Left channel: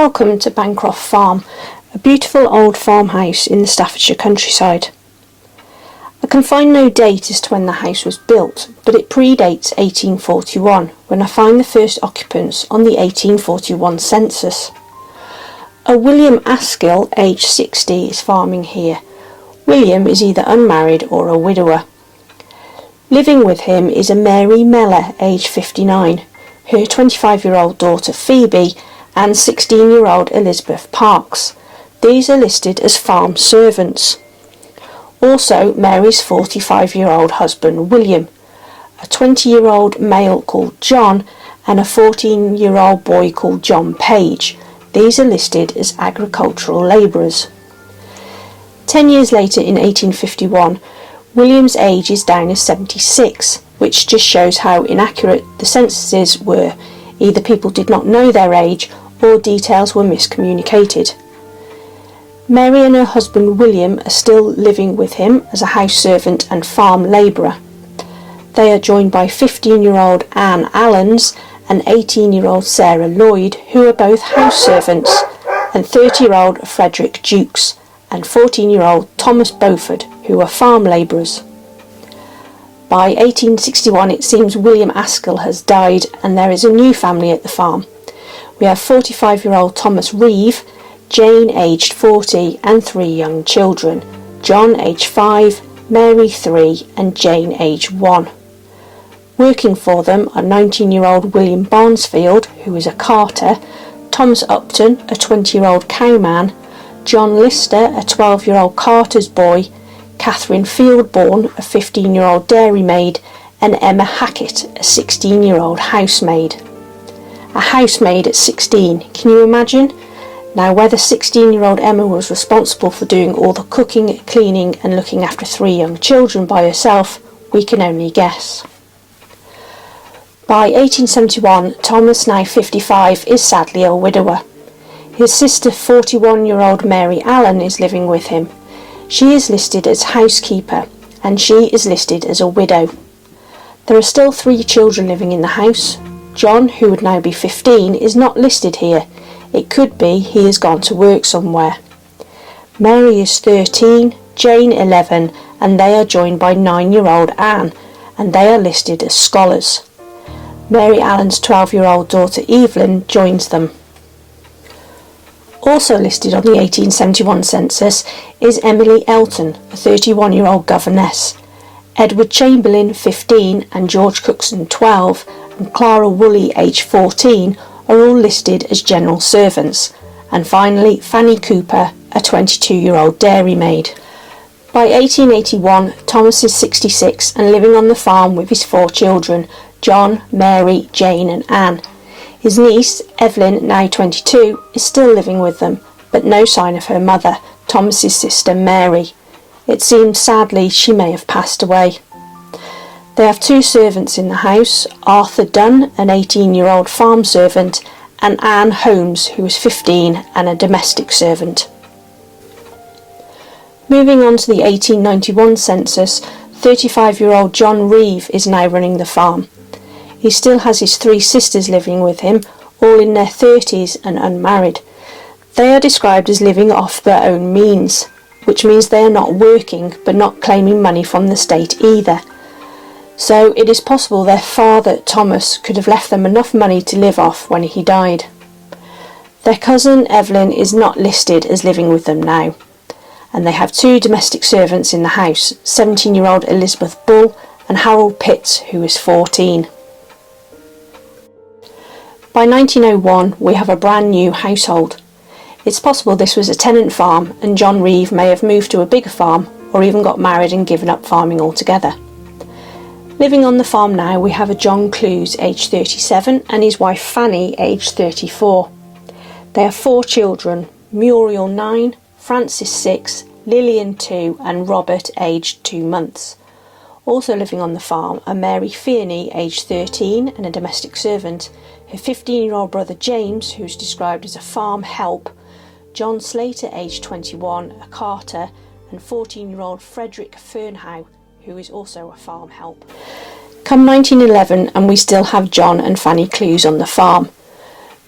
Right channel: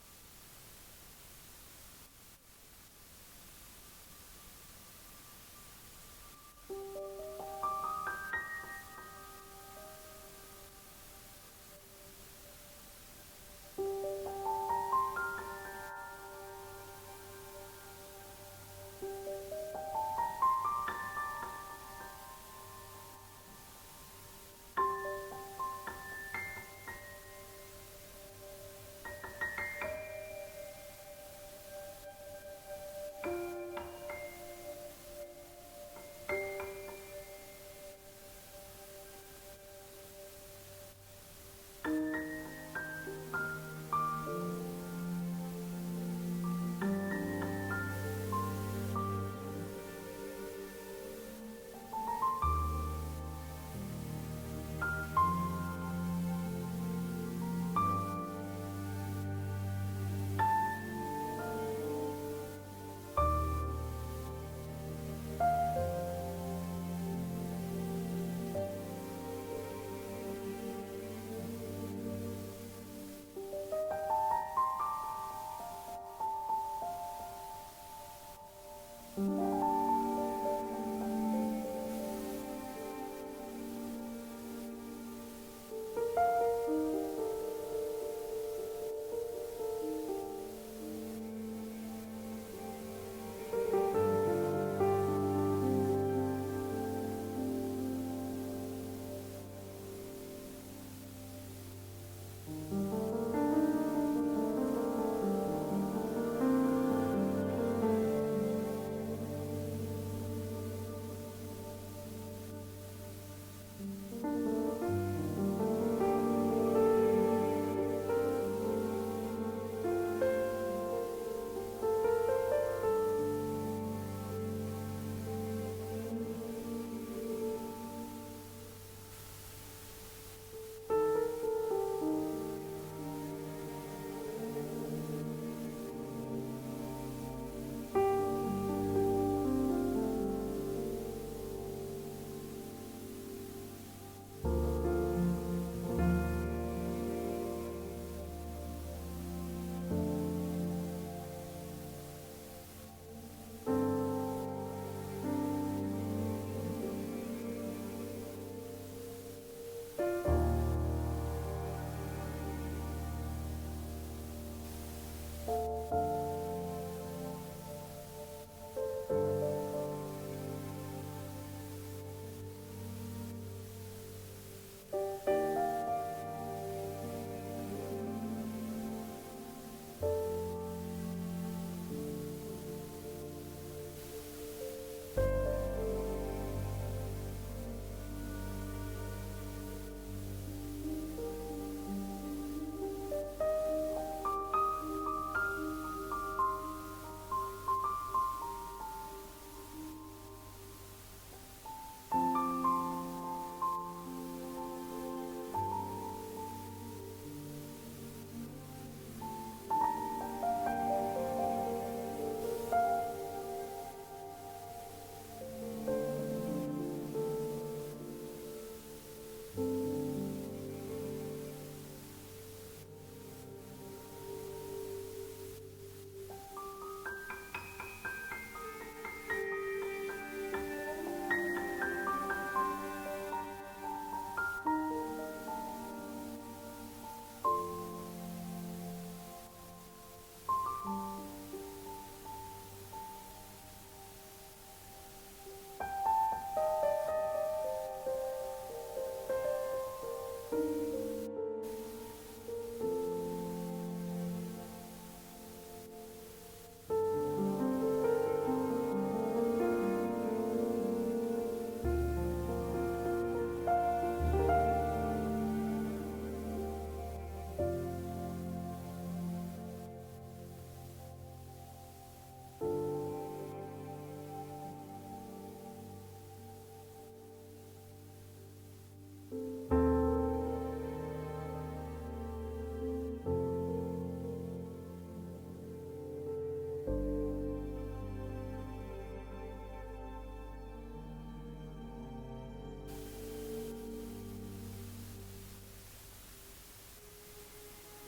Welcome to Bancroft Farm, a beautiful old farmhouse in the Staffordshire countryside. I can find no date as to when the house was built, but it predates 1841, when I find the first occupants on the 1841 census. A William Askill, aged 60, is farming here. William is either unmarried or a widower. Living with him is a Mary Mellor, aged 59, her 25-year-old daughter Phoebe, and 16-year-old Elizabeth Parks. These are listed as farm servants. Also, Mary's 45-year-old husband William, a 20-year-old male called John, and a 14-year-old boy called John Page. These are listed as agricultural labourers. 10 years later, in 1851, William's age is down as 76, which just shows how inaccurate the censuses were. Either people did not know their age or details were miscommunicated. Mary and her husband William are still living with him as a house servant and farm labourer. They are joined by 15-year-old Anne Allens and 18-year-old Sarah Lloyd, who are both house servants, and 30-year-old Frederick Jukes and 14-year-old Thomas Beaufort, who are farm labourers. By 1861 it seems William Askill has died and there is a new family at the farm. We have 45-year-old Thomas Reeve, Jane aged 40 and 3 young children, John aged 5, Mary 3 and Jane aged 1. Working for them are 19-year-old William Barnesfield, who is a carter, Thomas Upton, a 20-year-old cowman, John Lister, a 12-year-old carter's boy, Catherine Fieldbourne, a 15-year-old dairymaid, and Emma Hackett, a 16-year-old housemaid. A housemaid at 16, can you imagine? Now, whether 16-year-old Emma was responsible for doing all the cooking, cleaning and looking after 3 young children by herself, we can only guess. By 1871, Thomas, now 55, is sadly a widower. His sister, 41-year-old Mary Allen, is living with him. She is listed as housekeeper, and she is listed as a widow. There are still 3 children living in the house. John, who would now be 15, is not listed here. It could be he has gone to work somewhere. Mary is 13, Jane 11, and they are joined by 9-year-old Anne, and they are listed as scholars. Mary Allen's 12-year-old daughter Evelyn joins them. Also listed on the 1871 census is Emily Elton, a 31-year-old governess. Edward Chamberlain, 15, and George Cookson, 12, and Clara Woolley, aged 14, are all listed as general servants. And finally, Fanny Cooper, a 22-year-old dairymaid. By 1881, Thomas is 66 and living on the farm with his 4 children, John, Mary, Jane and Anne. His niece, Evelyn, now 22, is still living with them, but no sign of her mother, Thomas's sister Mary. It seems sadly she may have passed away. They have 2 servants in the house, Arthur Dunn, an 18-year-old farm servant, and Anne Holmes, who is 15 and a domestic servant. Moving on to the 1891 census, 35-year-old John Reeve is now running the farm. He still has his 3 sisters living with him, all in their 30s and unmarried. They are described as living off their own means, which means they are not working but not claiming money from the state either. So it is possible their father, Thomas, could have left them enough money to live off when he died. Their cousin Evelyn is not listed as living with them now, and they have 2 domestic servants in the house, 17-year-old Elizabeth Bull and Harold Pitts, who is 14. By 1901, we have a brand new household. It's possible this was a tenant farm and John Reeve may have moved to a bigger farm or even got married and given up farming altogether. Living on the farm now, we have a John Clues, aged 37, and his wife Fanny, aged 34. They have 4 children, Muriel 9, Francis 6, Lillian 2 and Robert, aged 2 months. Also living on the farm are Mary Fearney, aged 13 and a domestic servant, her 15-year-old brother James, who is described as a farm help, John Slater, aged 21, a carter, and 14-year-old Frederick Fernhow, who is also a farm help. Come 1911 and we still have John and Fanny Clues on the farm.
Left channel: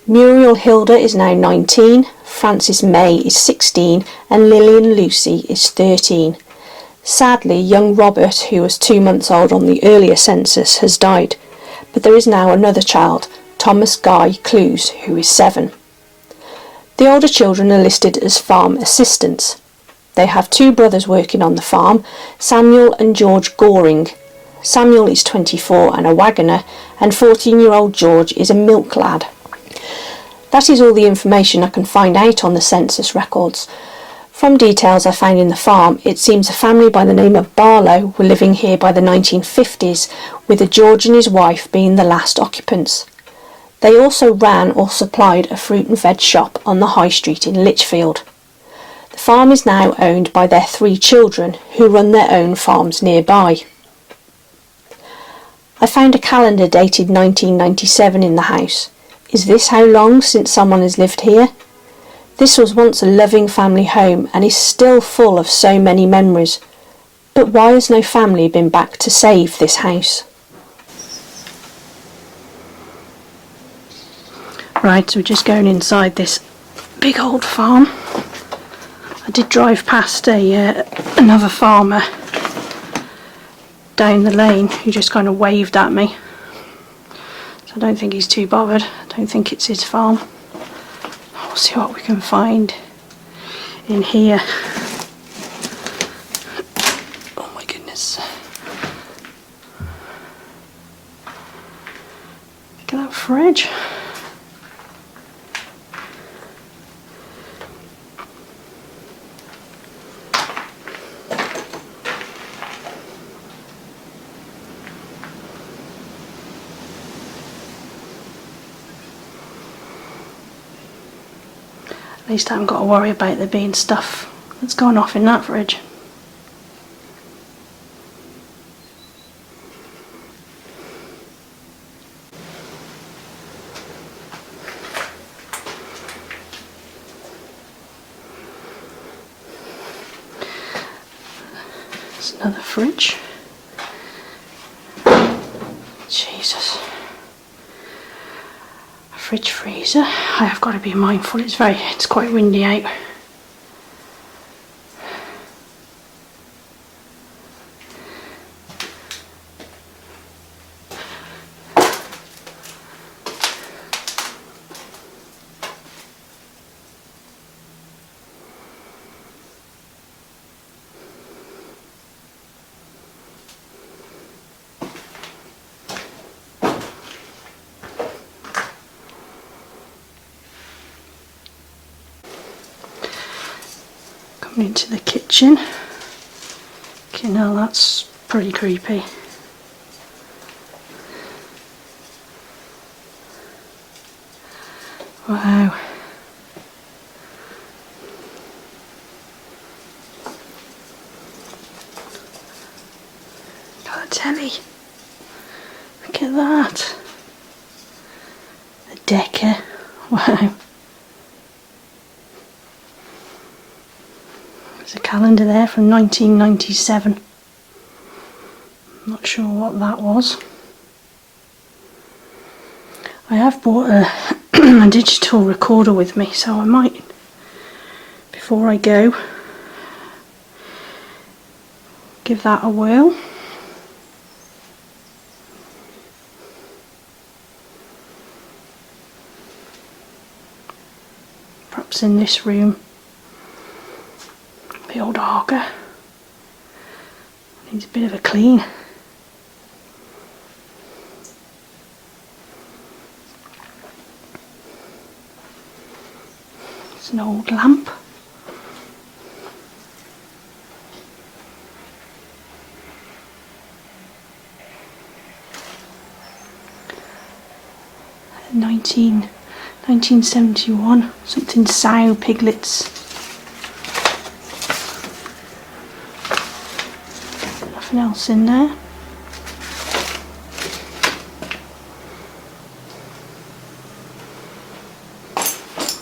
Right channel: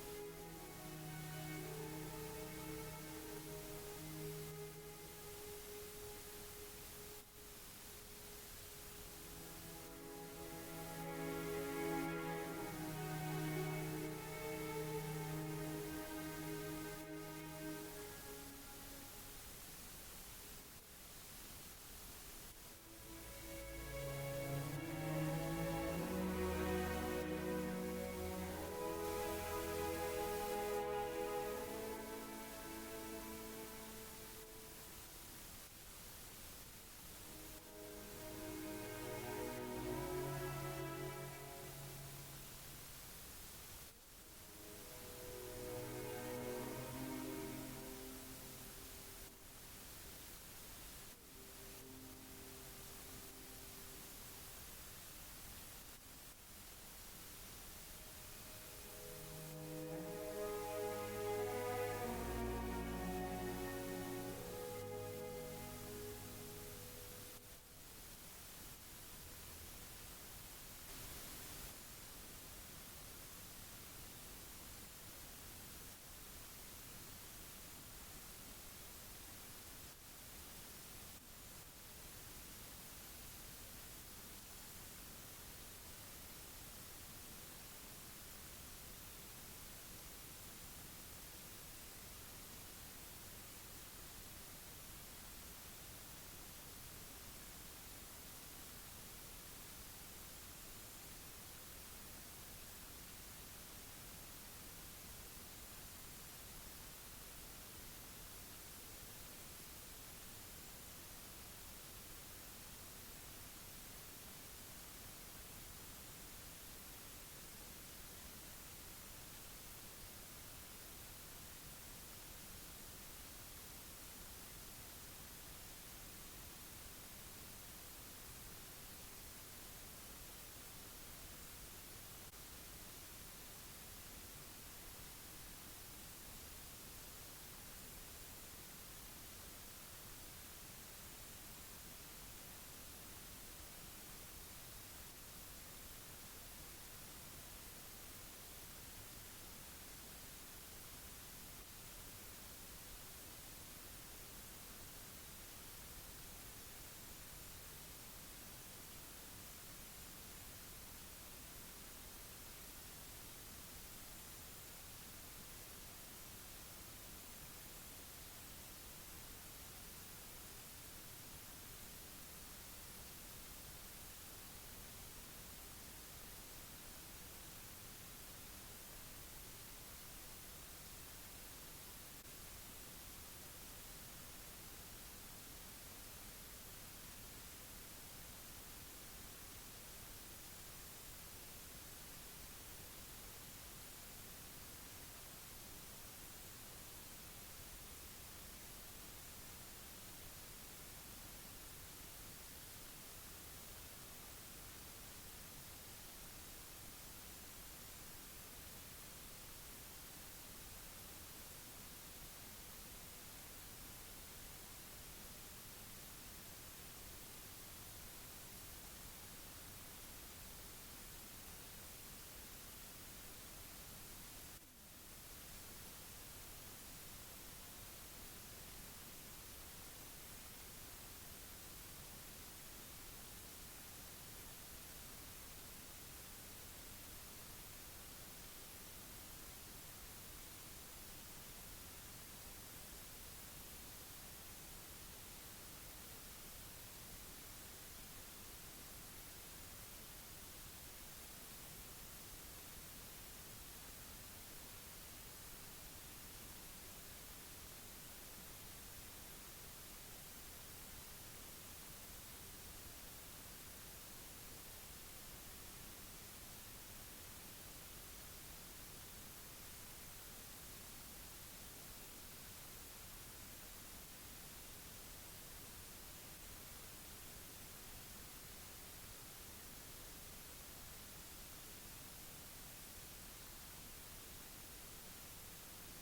Muriel Hilda is now 19, Frances May is 16 and Lillian Lucy is 13. Sadly, young Robert, who was 2 months old on the earlier census, has died, but there is now another child, Thomas Guy Clues, who is 7. The older children are listed as farm assistants. They have 2 brothers working on the farm, Samuel and George Goring. Samuel is 24 and a waggoner, and 14-year-old George is a milk lad. That is all the information I can find out on the census records. From details I found in the farm, it seems a family by the name of Barlow were living here by the 1950s, with a George and his wife being the last occupants. They also ran or supplied a fruit and veg shop on the high street in Lichfield. The farm is now owned by their 3 children, who run their own farms nearby. I found a calendar dated 1997 in the house. Is this how long since someone has lived here? This was once a loving family home and is still full of so many memories. But why has no family been back to save this house? Right, so we're just going inside this big old farm. I did drive past another farmer down the lane who just kind of waved at me. I don't think he's too bothered. I don't think it's his farm. We'll see what we can find in here. Oh my goodness. Look at that fridge. At least I haven't got to worry about there being stuff that's gone off in that fridge. There's another fridge. Jesus. Fridge freezer. I have got to be mindful, it's quite windy out. Into the kitchen. Okay, now that's pretty creepy. Wow. Got a telly. Look at that. A Decker. Wow. There's a calendar there from 1997. I'm not sure what that was. I have bought a digital recorder with me, so I might, before I go, give that a whirl. Perhaps in this room. The old Harker needs a bit of a clean. It's an old lamp. A 1971, something sow piglets. Nothing else in there.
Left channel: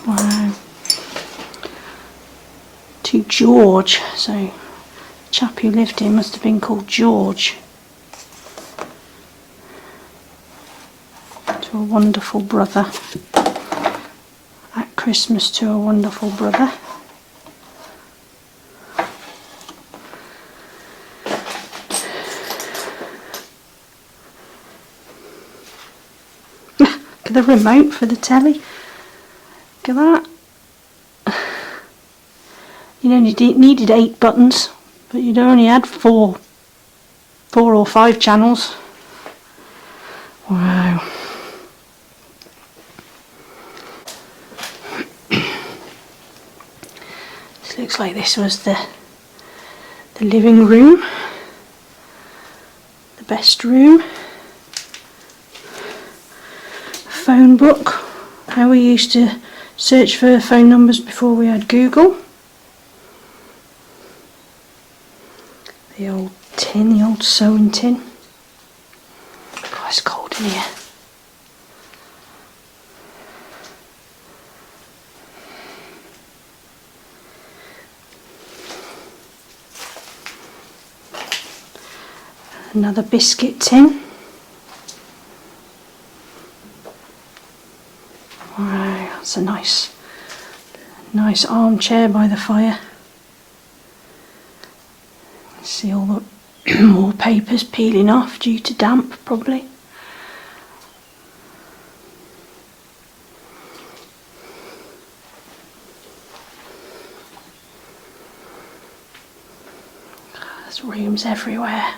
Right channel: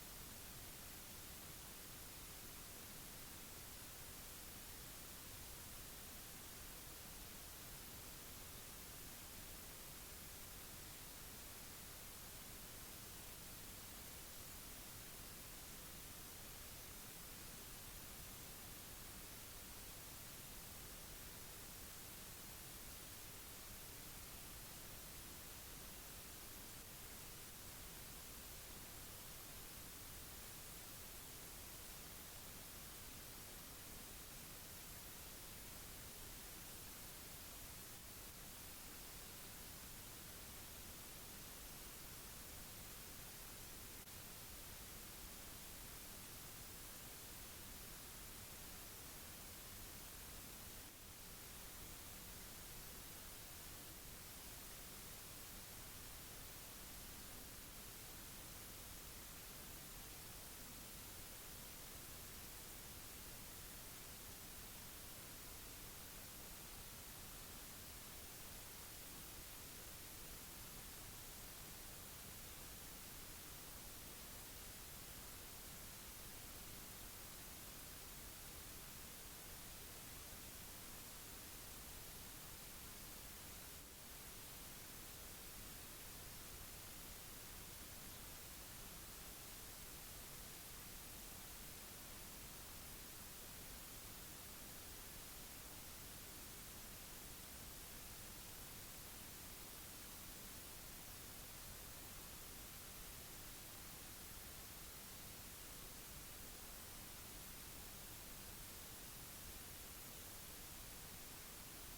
Wow. To George, so the chap who lived here must have been called George. To a wonderful brother. Christmas to a wonderful brother. Look at the remote for the telly. Look at that. You only needed 8 buttons, but you'd only had 4 or 5 channels. Wow. This looks like this was the living room, the best room. Phone book, how we used to search for phone numbers before we had Google. The old tin, the old sewing tin. God, it's cold in here. Another biscuit tin. Wow, that's a nice armchair by the fire. See all the wallpapers peeling off due to damp, probably. There's rooms everywhere.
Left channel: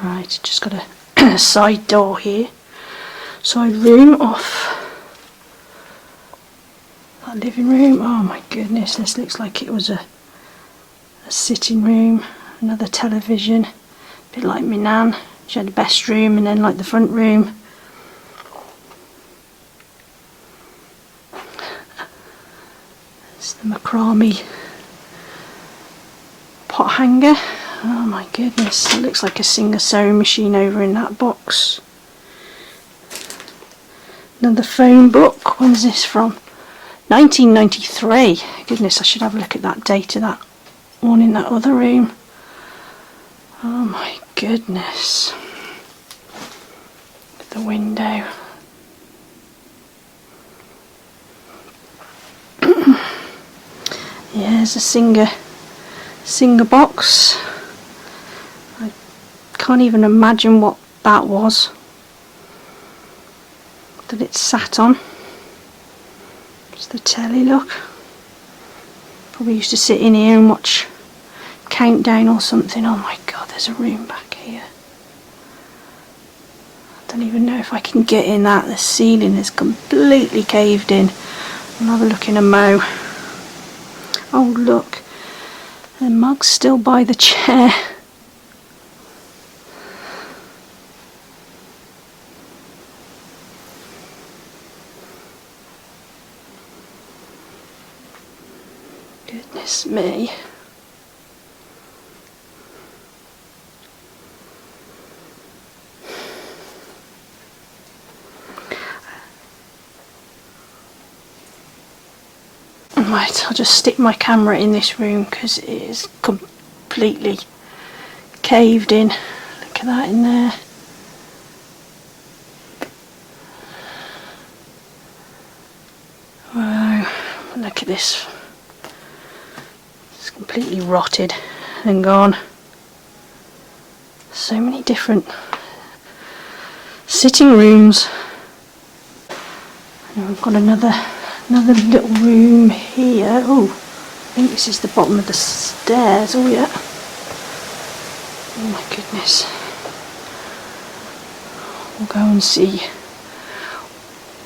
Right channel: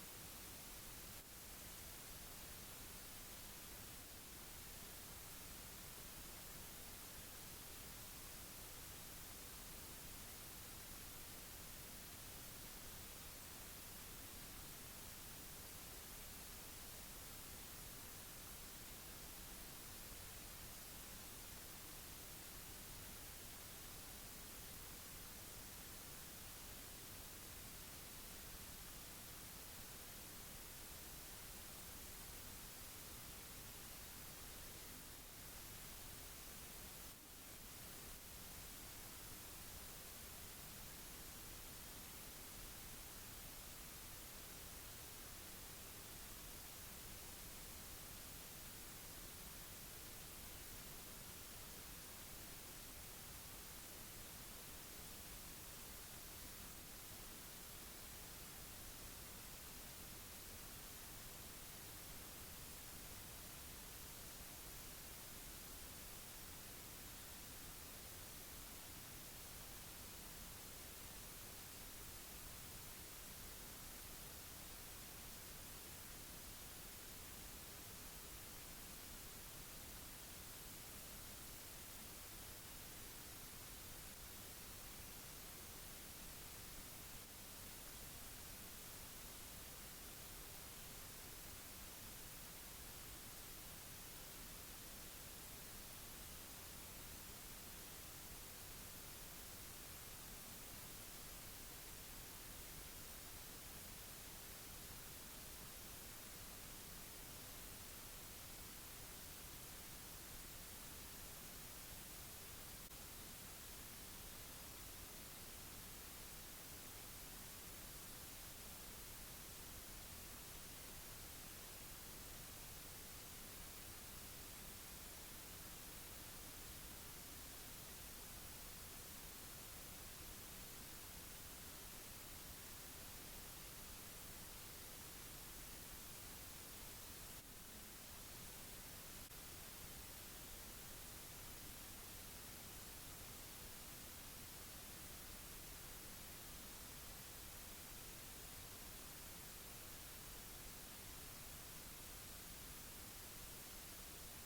Right, just got a side door here, side room off that living room. Oh my goodness, this looks like it was a sitting room, another television, a bit like my nan. She had the best room and then like the front room. It's the macrame pot hanger. Oh my goodness, it looks like a Singer sewing machine over in that box. Another phone book. When's this from? 1993. Goodness, I should have a look at that date of that one in that other room. Oh my goodness. The window. Yeah, there's a Singer box. I can't even imagine what that was that it sat on. It's the telly, look. Probably used to sit in here and watch Countdown or something. Oh my god, there's a room back here. I don't even know if I can get in that. The ceiling is completely caved in. I'll have a look in a mo. Oh look, the mug's still by the chair. Goodness me. Right, I'll just stick my camera in this room because it is completely caved in. Look at that in there. Wow, look at this. It's completely rotted and gone. So many different sitting rooms. And we've got another little room here. Oh, I think this is the bottom of the stairs. Oh yeah. Oh my goodness. We'll go and see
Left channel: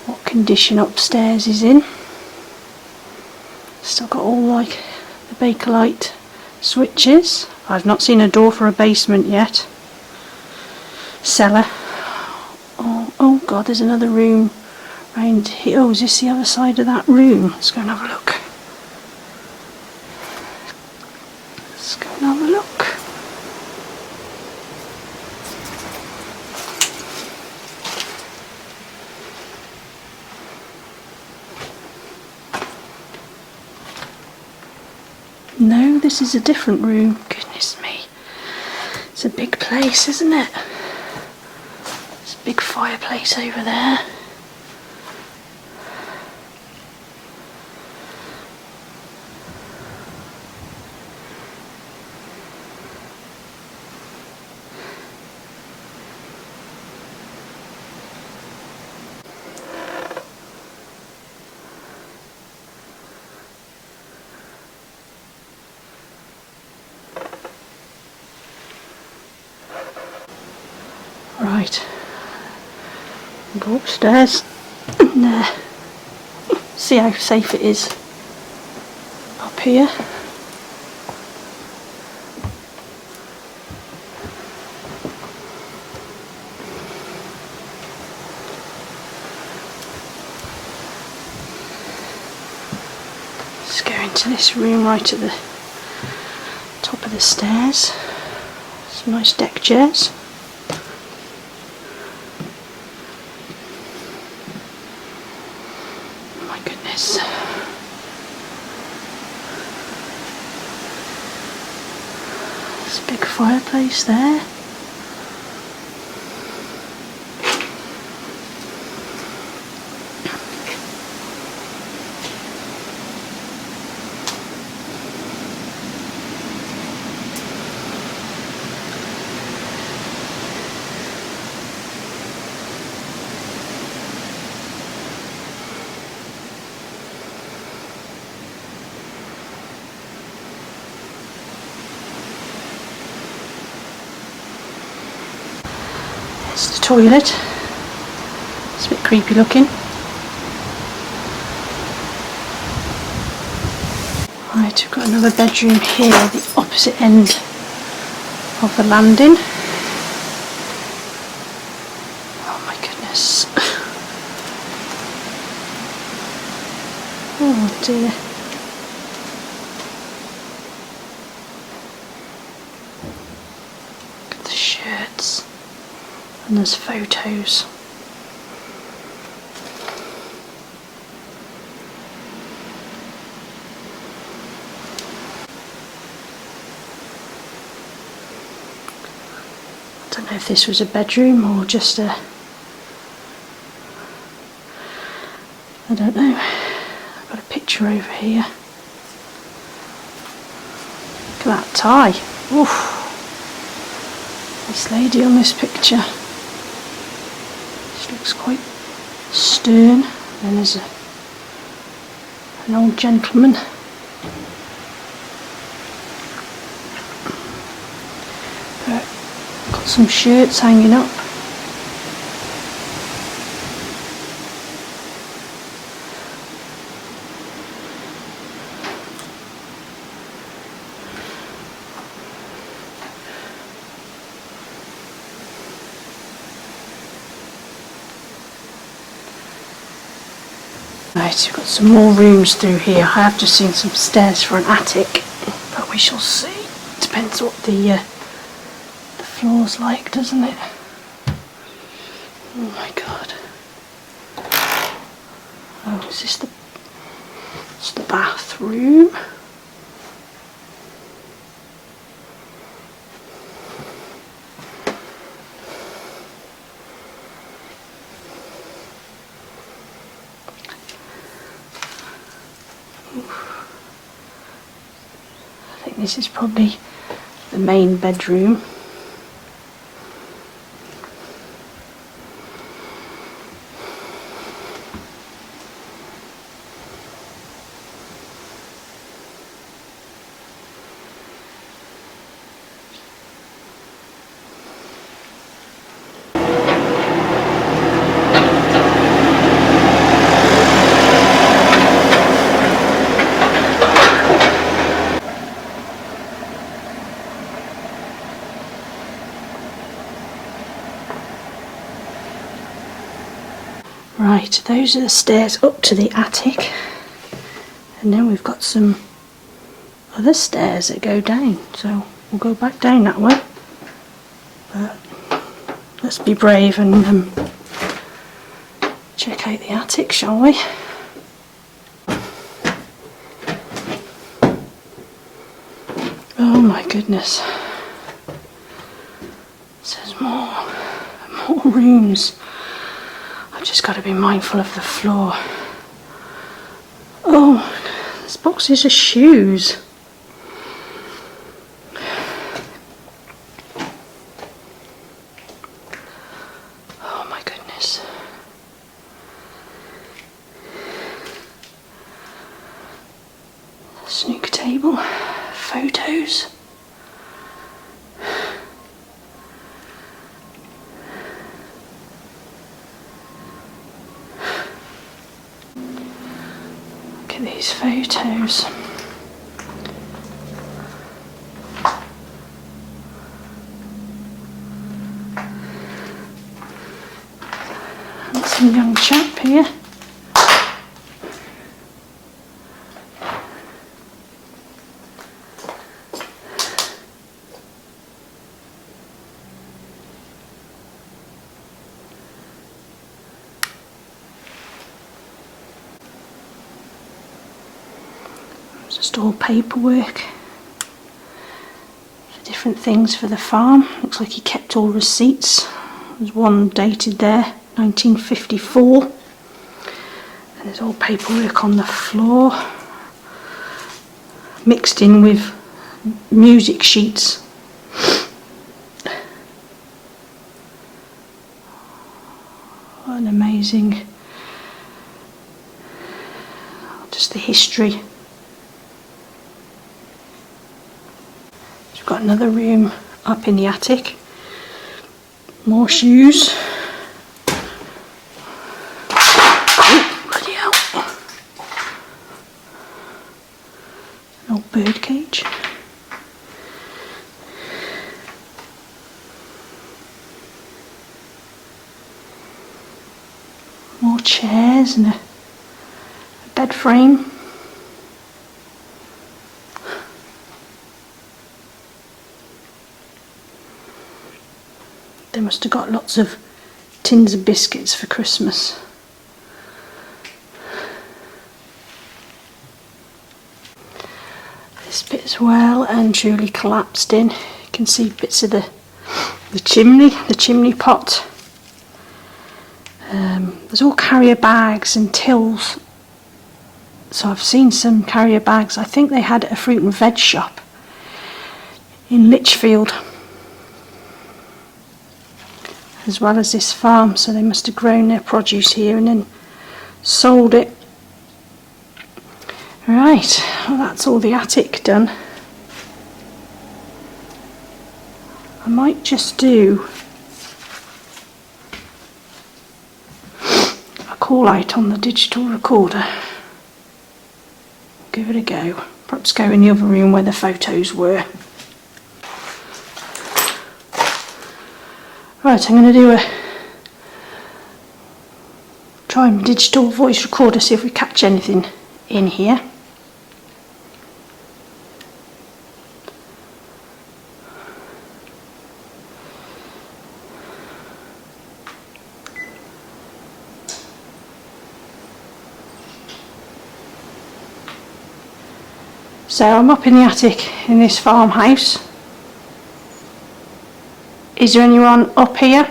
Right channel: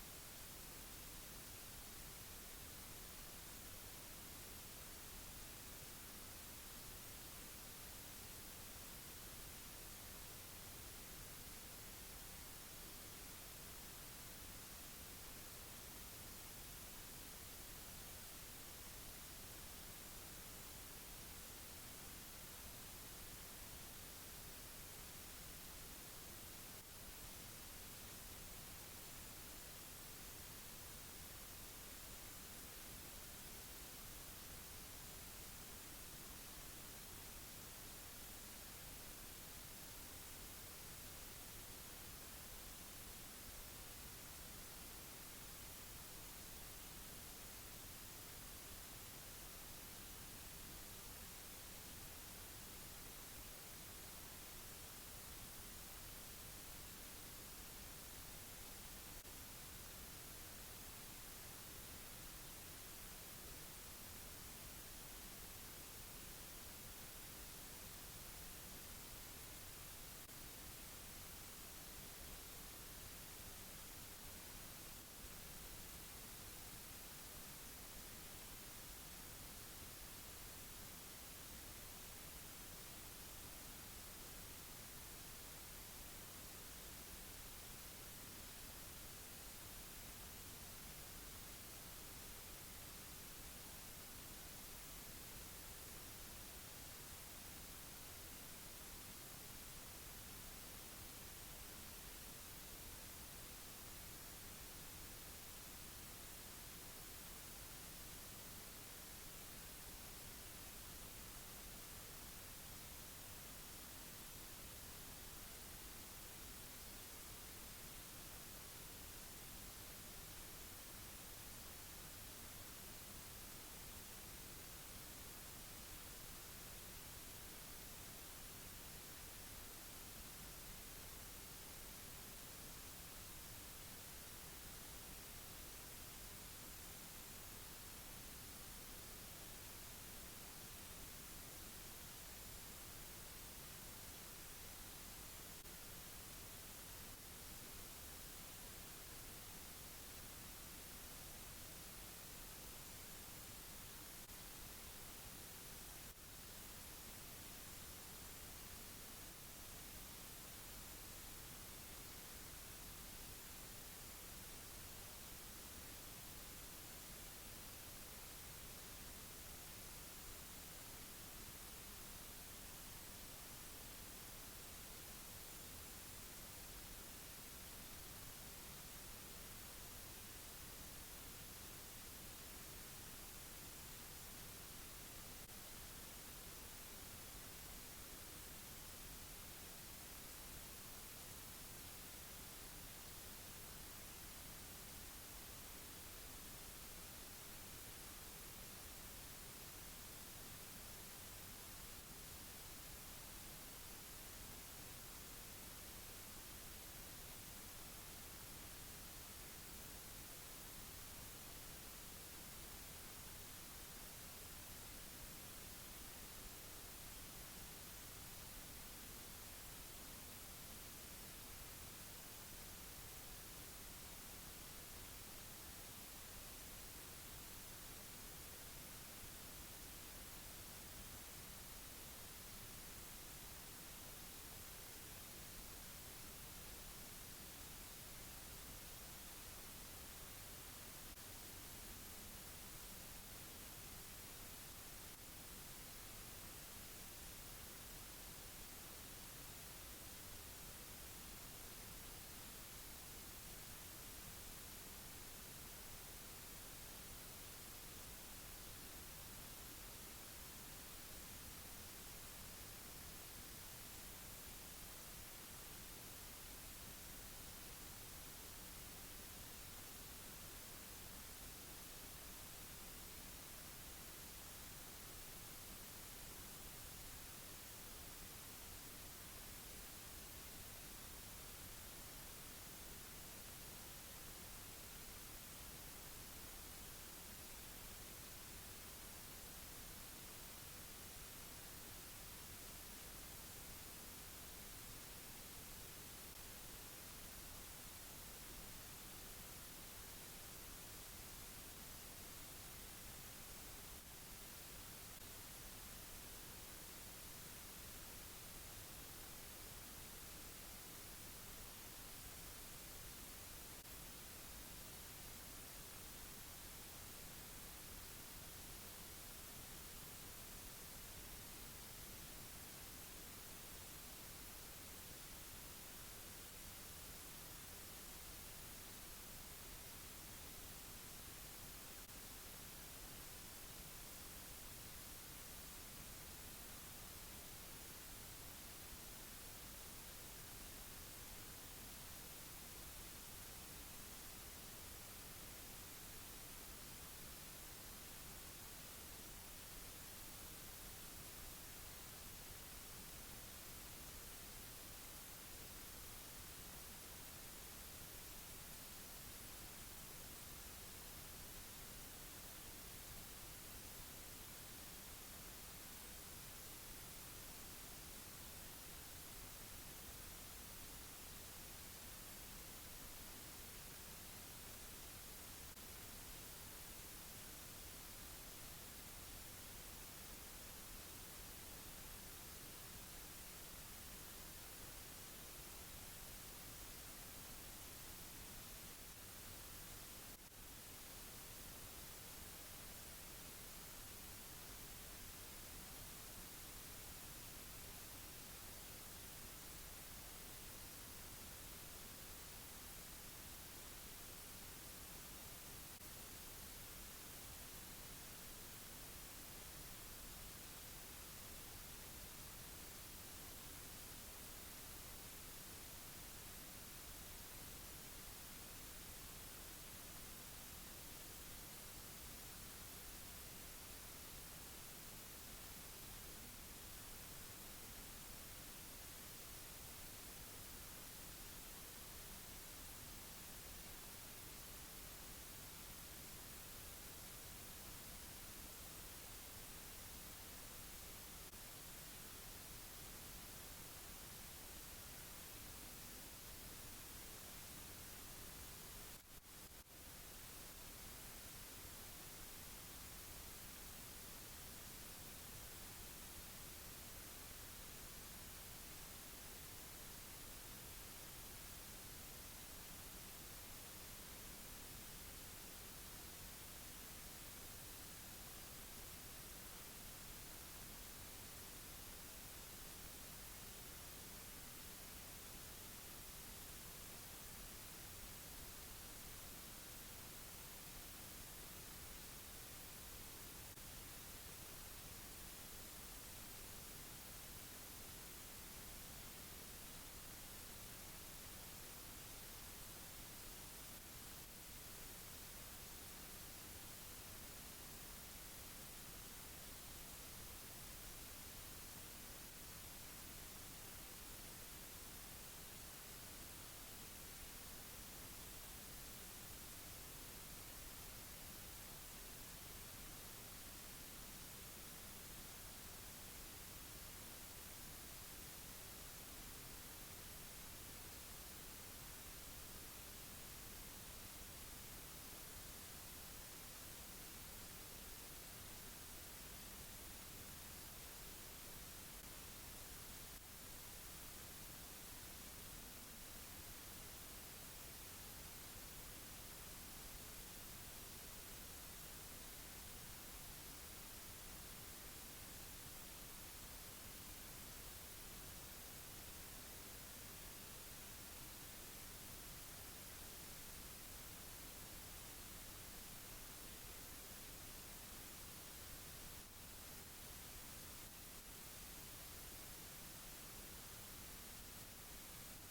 what condition upstairs is in. Still got all like the Bakelite switches. I've not seen a door for a basement yet. Cellar. Oh god, there's another room round here. Oh, is this the other side of that room? Let's go and have a look. Let's go and have a look. No, this is a different room. Goodness me. It's a big place, isn't it? There's a big fireplace over there. Right, go upstairs and see how safe it is up here. Let's go into this room right at the top of the stairs. Some nice deck chairs. There's a big fireplace there. It's the toilet. It's a bit creepy looking. Right, we've got another bedroom here, the opposite end of the landing. Oh my goodness. Oh dear. Look at the shirts. And there's photos. I don't know if this was a bedroom or just a... I don't know. I've got a picture over here. Look at that tie. Oof. This lady on this picture. She looks quite stern. And there's an old gentleman. Got some shirts hanging up. Right, we've got some more rooms through here. I have just seen some stairs for an attic, but we shall see. Depends what the floor's like, doesn't it? Oh my god. Oh, is this it's the bathroom? I think this is probably the main bedroom. Right, those are the stairs up to the attic, and then we've got some other stairs that go down, so we'll go back down that way. But let's be brave and check out the attic, shall we? Oh my goodness, so there's more rooms. I've just got to be mindful of the floor. Oh, there's boxes of shoes. Oh my goodness. Snooker table, photos. Look at these photos. Handsome young chap here. Just all paperwork for different things for the farm. Looks like he kept all receipts. There's one dated there, 1954. And there's all paperwork on the floor, mixed in with music sheets. What an amazing, just the history. We've got another room up in the attic. More shoes. Oh, bloody hell. An old bird cage. More chairs and a bed frame. They must have got lots of tins of biscuits for Christmas. This bit as well, and truly collapsed in. You can see bits of the chimney pot. There's all carrier bags and tills. So I've seen some carrier bags. I think they had a fruit and veg shop in Lichfield, as well as this farm, so they must have grown their produce here and then sold it. Right, well, that's all the attic done. I might just do a call out on the digital recorder. Give it a go. Perhaps go in the other room where the photos were. Right, I'm going to do try my digital voice recorder, see if we catch anything in here. So I'm up in the attic in this farmhouse. Is there anyone up here?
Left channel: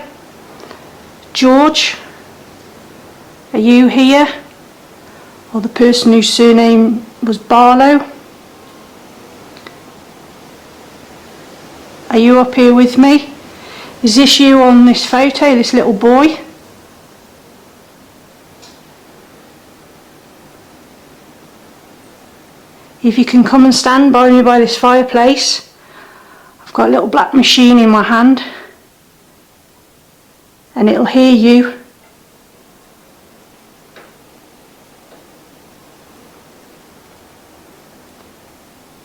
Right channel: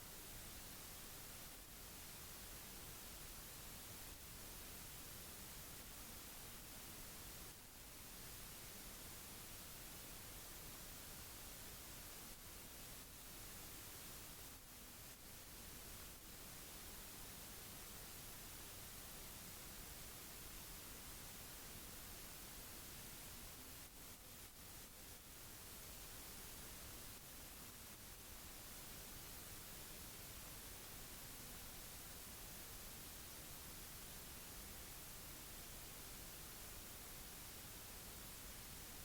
George? Are you here? Or the person whose surname was Barlow? Are you up here with me? Is this you on this photo, this little boy? If you can come and stand by me by this fireplace. I've got a little black machine in my hand and it'll hear you.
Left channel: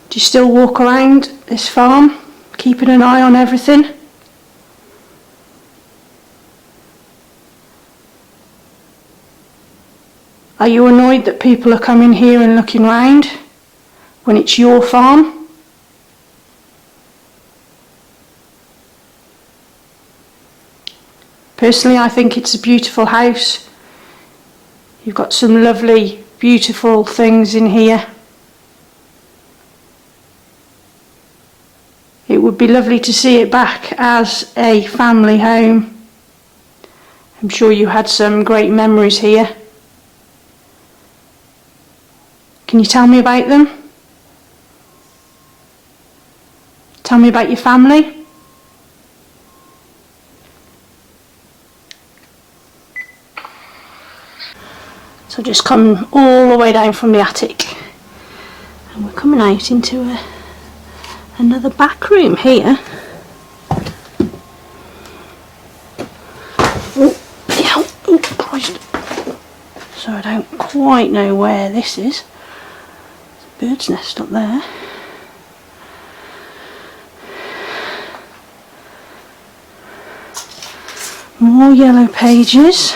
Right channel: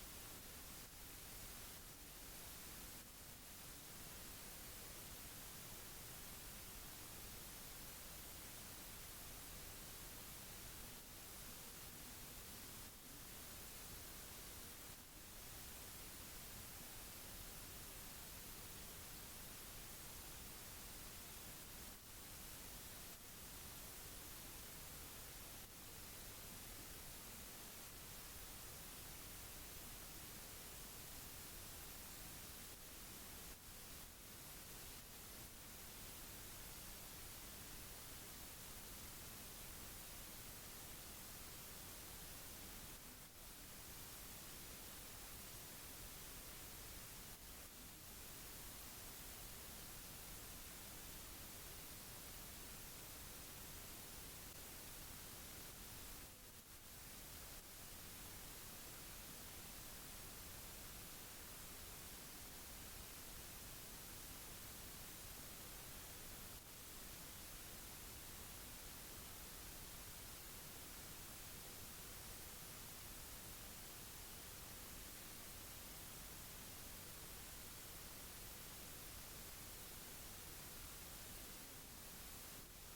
Do you still walk around this farm, keeping an eye on everything? Are you annoyed that people are coming here and looking round when it's your farm? Personally, I think it's a beautiful house. You've got some lovely, beautiful things in here. It would be lovely to see it back as a family home. I'm sure you had some great memories here. Can you tell me about them? Tell me about your family. So just come all the way down from the attic, and we're coming out into another back room here. Oh, yeah, oh, Christ. So I don't quite know where this is. There's a bird's nest up there. More yellow pages.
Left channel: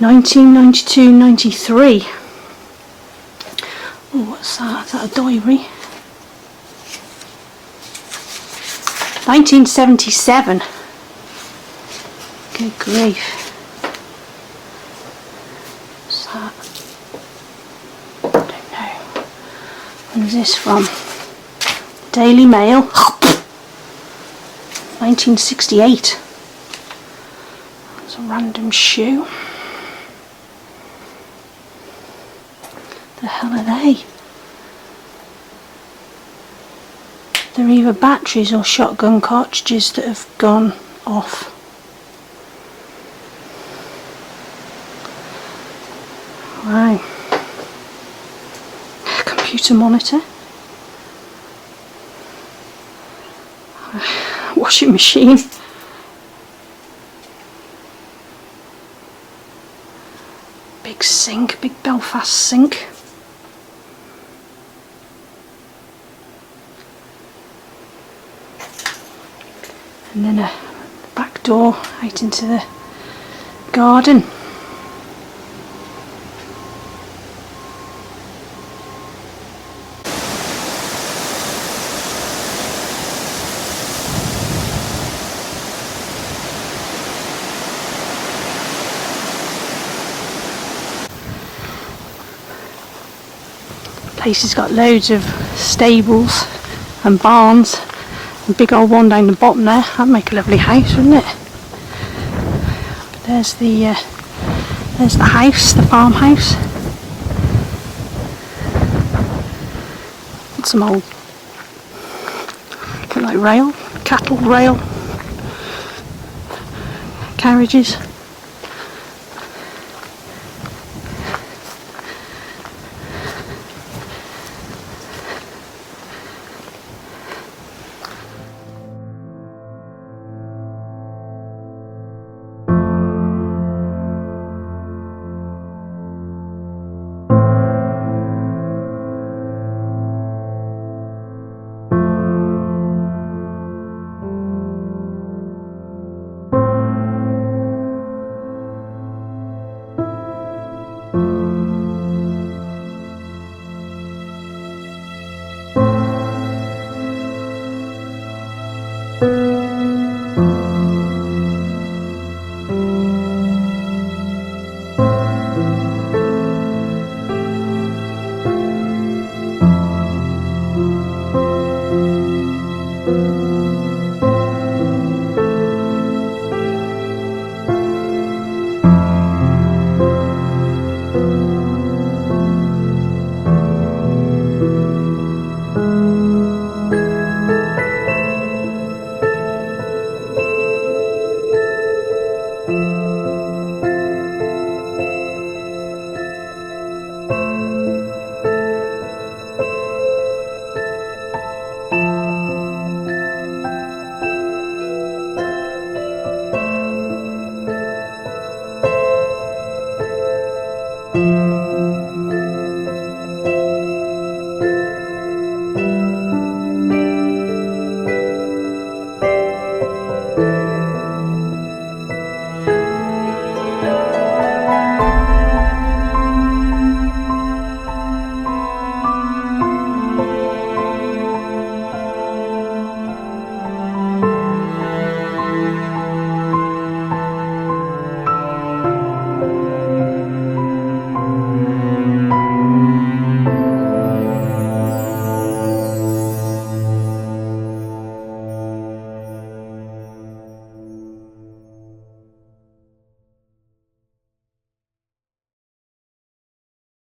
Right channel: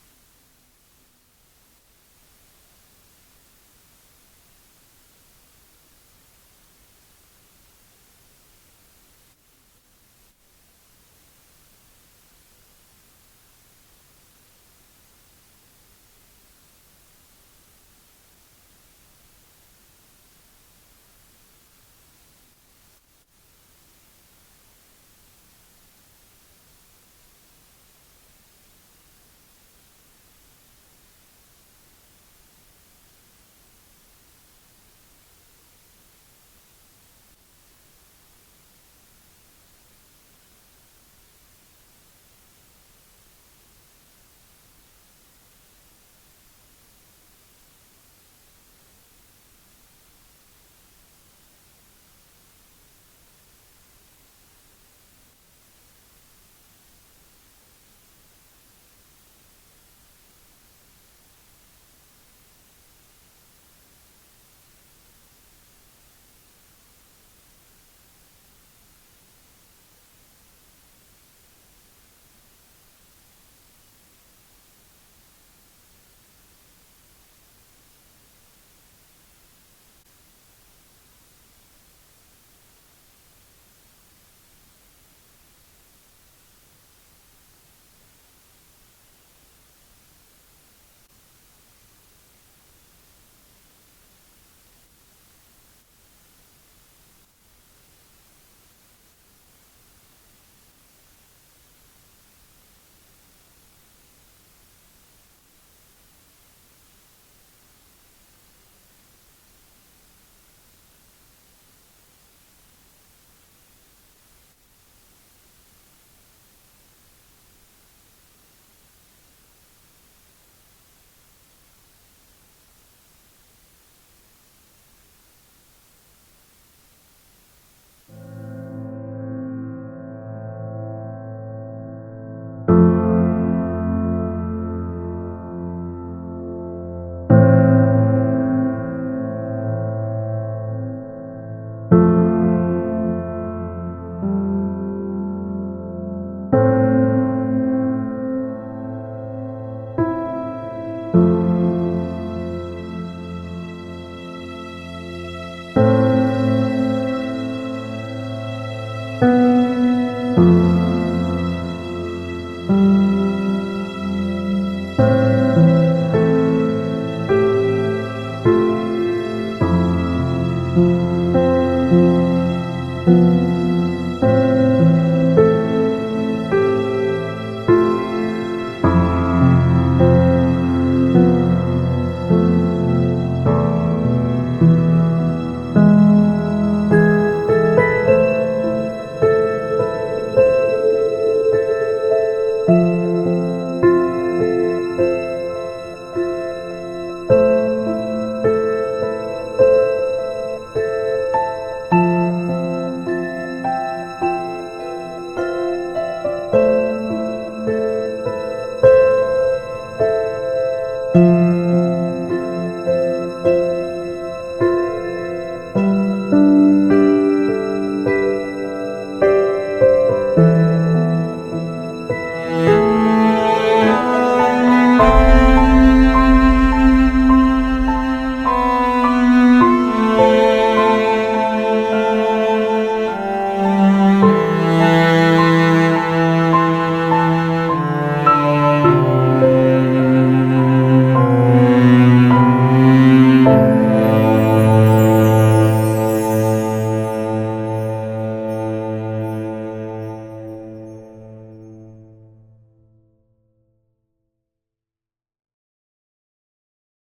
1992-93. Oh, what's that? Is that a diary? 1977. Good grief. What's that? I don't know. When was this from? Daily Mail. 1968. That's a random shoe. The hell are they? They're either batteries or shotgun cartridges that have gone off. Wow. Computer monitor. Washing machine. Big sink, big Belfast sink. And then a back door out into the garden. Place has got loads of stables and barns. A big old one down the bottom there. That'd make a lovely house, wouldn't it? But there's the house, the farmhouse. Got some old, look like rail, cattle rail carriages.